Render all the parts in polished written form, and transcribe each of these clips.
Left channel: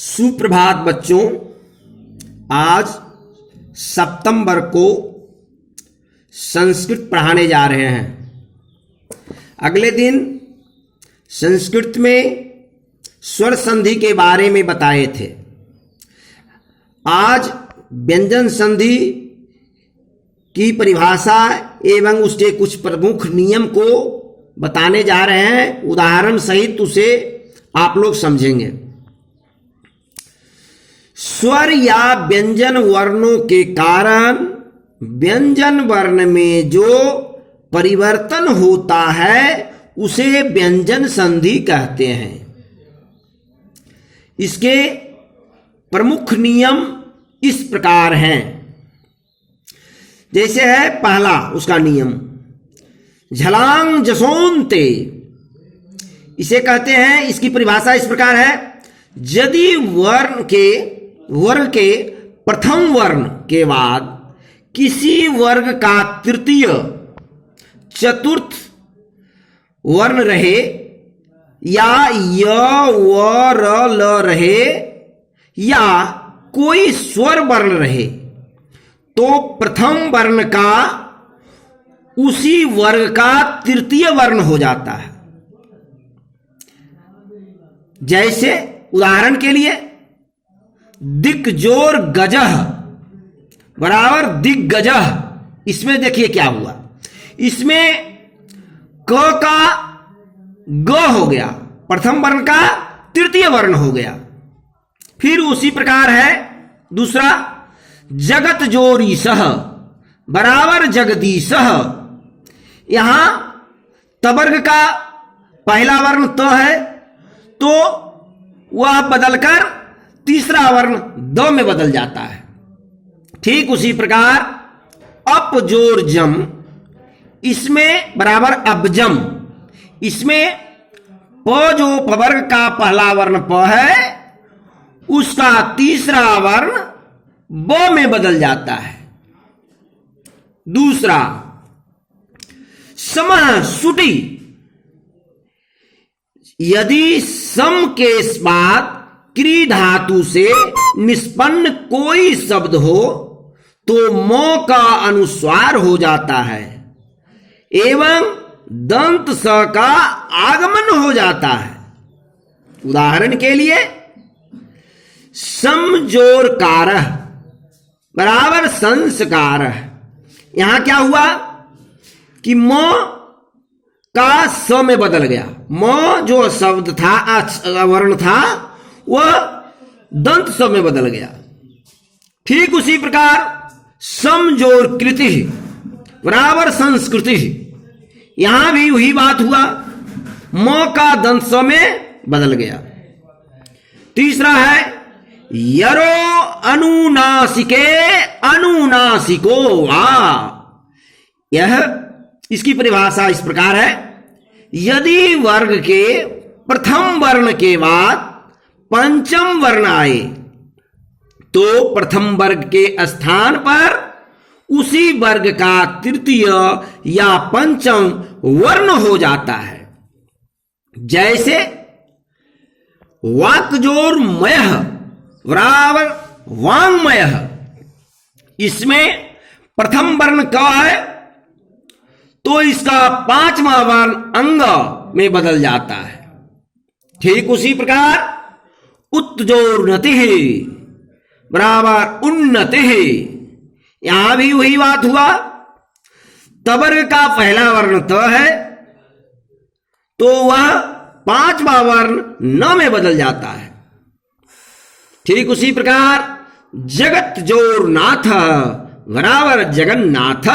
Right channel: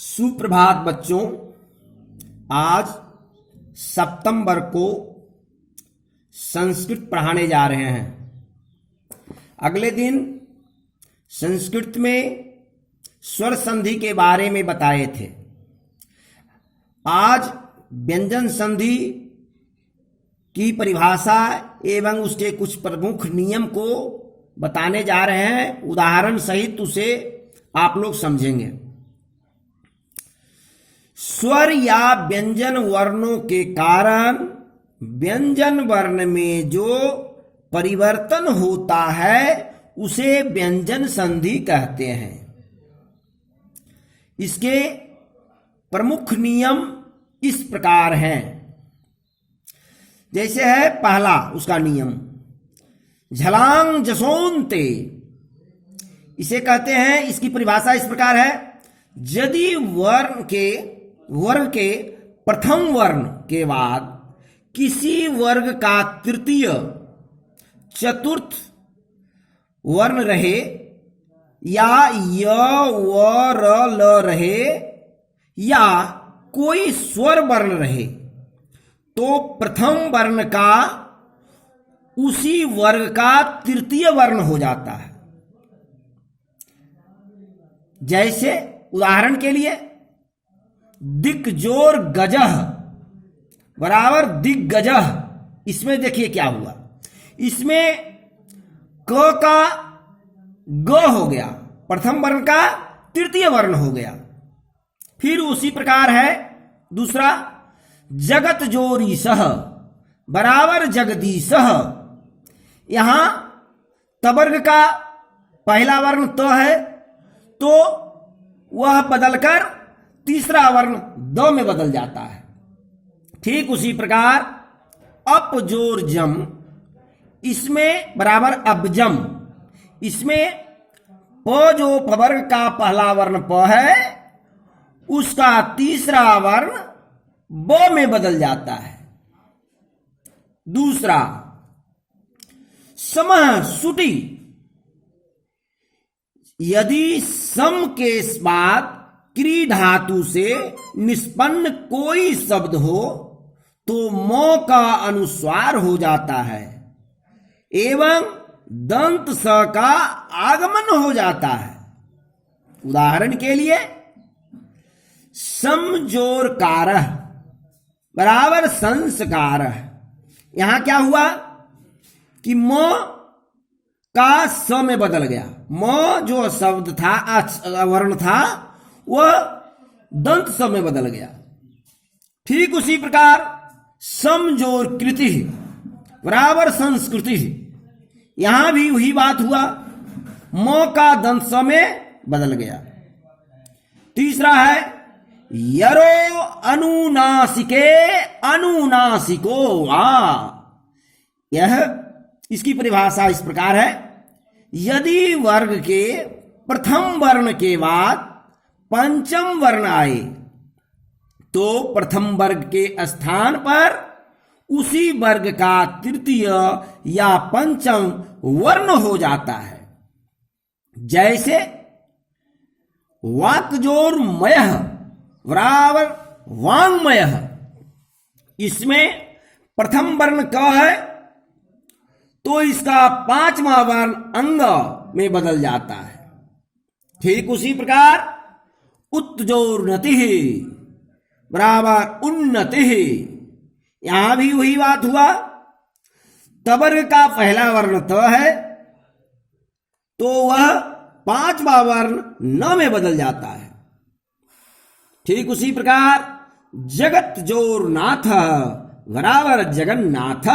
सुप्रभात बच्चों। आज सप्तम वर्ग को संस्कृत पढ़ाने जा रहे हैं। अगले दिन संस्कृत में स्वर संधि के बारे में बताए थे। आज व्यंजन संधि की परिभाषा एवं उसके कुछ प्रमुख नियम को बताने जा रहे हैं। उदाहरण सहित उसे आप लोग समझेंगे। स्वर या व्यंजन वर्णों के कारण व्यंजन वर्ण में जो परिवर्तन होता है उसे व्यंजन संधि कहते हैं। इसके प्रमुख नियम इस प्रकार हैं। जैसे है पहला उसका नियम झलांग जसोंते, इसे कहते हैं। इसकी परिभाषा इस प्रकार है। यदि वर्ग के प्रथम वर्ण के बाद किसी वर्ग का तृतीय चतुर्थ वर्ण रहे या य व र ल रहे या कोई स्वर वर्ण रहे तो प्रथम वर्ण का उसी वर्ग का तृतीय वर्ण हो जाता है। जैसे उदाहरण के लिए दिग्जोर गजह बराबर दिग्गजह। इसमें देखिए क्या हुआ। इसमें क का ग हो गया, प्रथम वर्ण का तृतीय वर्ण हो गया। फिर उसी प्रकार है दूसरा जगत जोरी सह बराबर जगदीशह। यहां तवर्ग का पहला वर्ण त है तो वह बदलकर तीसरा वर्ण द में बदल जाता है। ठीक उसी प्रकार अपजोर जम, इसमें बराबर अबजम। इसमें प जो पवर्ग का पहला वर्ण प है उसका तीसरा वर्ण ब में बदल जाता है। दूसरा समह सुटी, यदि सम के बाद क्री धातु से निष्पन्न कोई शब्द हो तो मो का अनुस्वार हो जाता है एवं दंत स का आगमन हो जाता है। उदाहरण के लिए समजोर कारह बराबर संस्कारह। यहां क्या हुआ कि मो का स में बदल गया। मो जो शब्द था वर्ण था वह दंत स में बदल गया। ठीक उसी प्रकार समजोर कृति बराबर संस्कृति। यहां भी वही बात हुआ, मो का दंत स में बदल गया। तीसरा है यरो अनुनासिके अनुनासिको वा। यह इसकी परिभाषा इस प्रकार है। यदि वर्ग के प्रथम वर्ण के बाद पंचम वर्ण आए तो प्रथम वर्ग के स्थान पर उसी वर्ग का तृतीय या पंचम वर्ण हो जाता है। जैसे वाक्जोर मयः बराबर वांगमयः। इसमें प्रथम वर्ण क है तो इसका पांचवा वर्ण अंग में बदल जाता है। ठीक उसी प्रकार उत्जोर्नति बराबर उन्नति। यहां भी वही बात हुआ। तवर्ग का पहला वर्ण त है तो वह पांचवा वर्ण न में बदल जाता है। ठीक उसी प्रकार जगत जोर नाथ बराबर जगन्नाथ।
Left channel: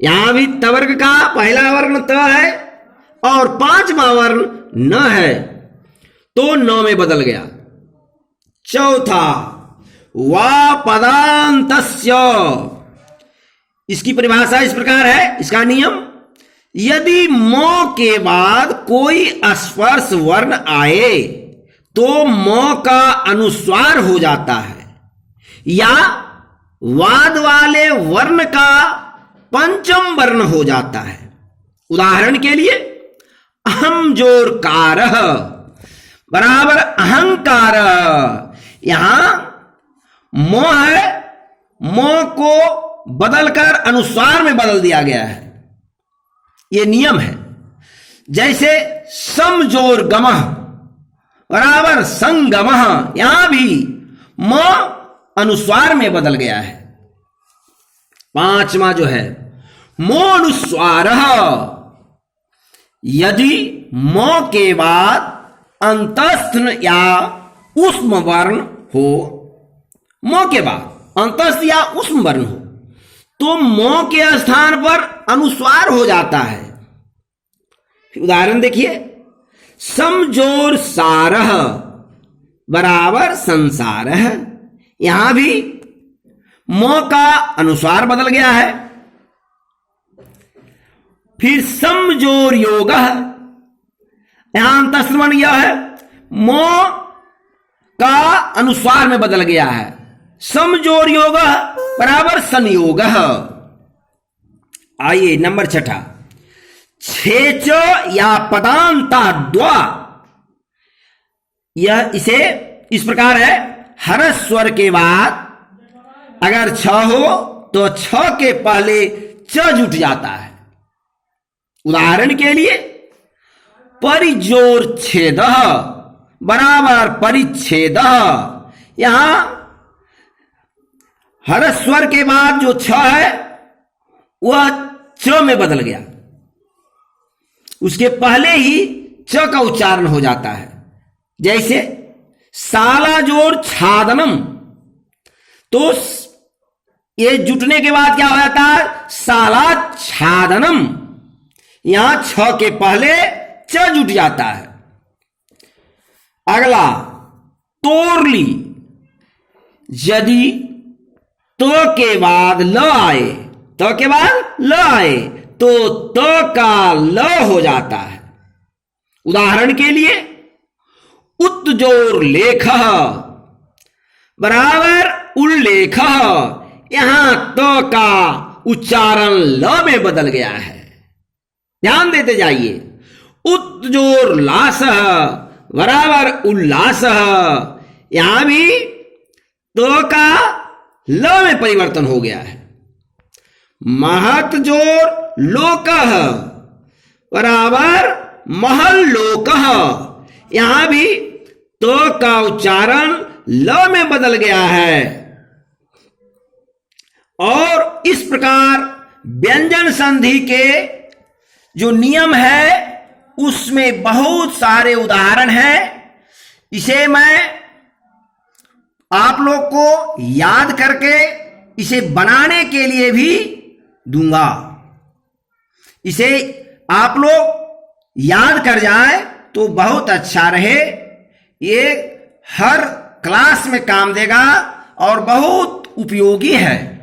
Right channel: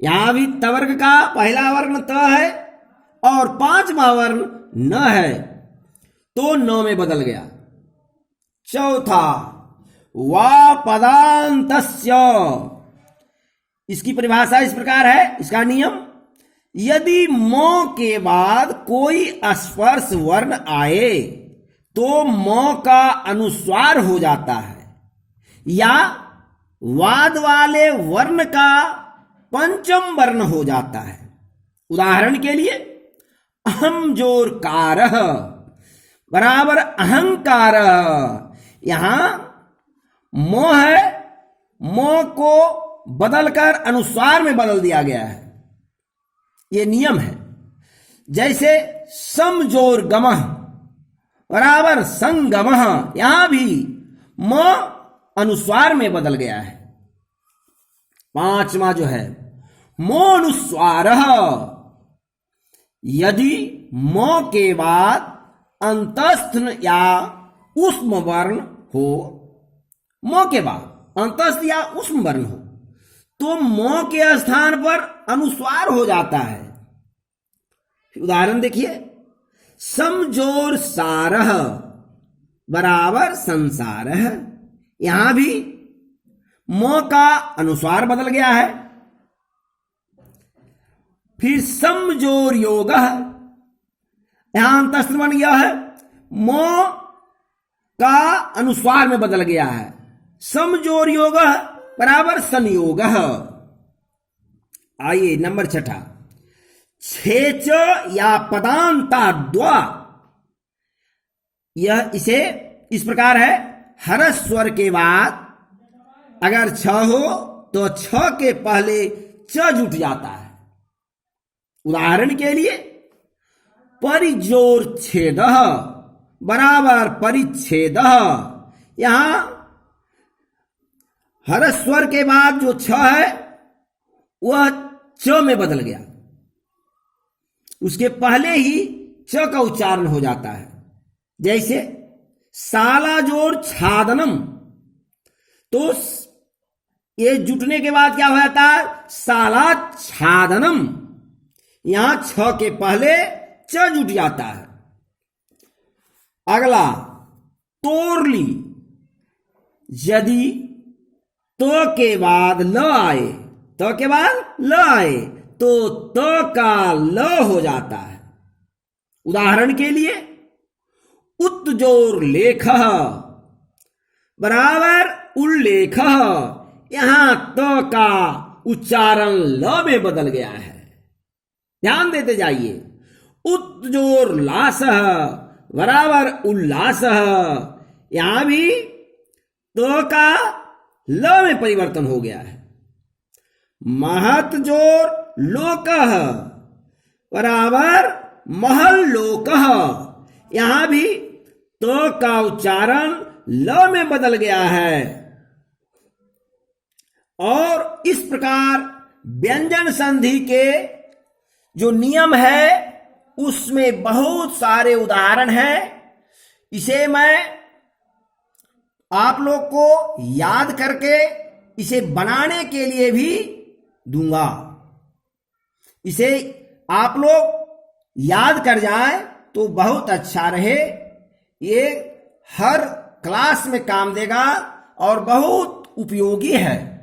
यहां भी तवर्ग का पहला वर्ण त है और पांचवा वर्ण न है तो न में बदल गया। चौथा वा पदांतस्य, इसकी परिभाषा इस प्रकार है। इसका नियम यदि मो के बाद कोई स्पर्श वर्ण आए तो मो का अनुस्वार हो जाता है या वाद वाले वर्ण का पंचम वर्ण हो जाता है। उदाहरण के लिए अहम जोर कारह बराबर अहंकार। यहां मोह है, मोह को बदलकर अनुस्वार में बदल दिया गया है, यह नियम है। जैसे समजोर गमः बराबर संगमः, यहां भी मोह अनुस्वार में बदल गया है। पांचवा जो है मोनुस्वार, यदि मो के बाद अंतस्थ या उष्म वर्ण हो, मो के बाद अंतस्थ या उष्म वर्ण हो तो मो के स्थान पर अनुस्वार हो जाता है। उदाहरण देखिए, समजोर सारः बराबर संसारः, यहां भी मो का अनुस्वार बदल गया है। फिर समजोर योगः, यहां अंतस्थ बन गया है, मो का अनुस्वार में बदल गया है। समजोर योगः बराबर संयोगः। आइए नंबर छठा, छेच या पदांता द्वा, यह इसे इस प्रकार है, हर स्वर के बाद अगर छ हो तो छ के पहले च जुट जाता है। उदाहरण के लिए परिजोर छेद बराबर परिच्छेद, यहां हर स्वर के बाद जो छ है वह च में बदल गया, उसके पहले ही च का उच्चारण हो जाता है। जैसे साला जोर छादनम, तो ये जुटने के बाद क्या हो जाता है, साला छादनम, यहां छ के पहले च जुट जाता है। अगला तोरली, यदि तो के बाद ल आए, तो के बाद ल आए तो त का ल हो जाता है। उदाहरण के लिए उत्जोर लेख बराबर उल्लेख, यहां तो का उच्चारण ल में बदल गया है, ध्यान देते जाइए। उत्जोर लास बराबर उल्लास, यहां भी तो का ल में परिवर्तन हो गया है। महत जोर लोक बराबर महल लोक, यहां भी तो का उच्चारण ल में बदल गया है। और इस प्रकार व्यंजन संधि के जो नियम है उसमें बहुत सारे उदाहरण हैं। इसे मैं आप लोग को याद करके इसे बनाने के लिए भी दूंगा। इसे आप लोग याद कर जाएं तो बहुत अच्छा रहे, ये हर क्लास में काम देगा और बहुत उपयोगी है।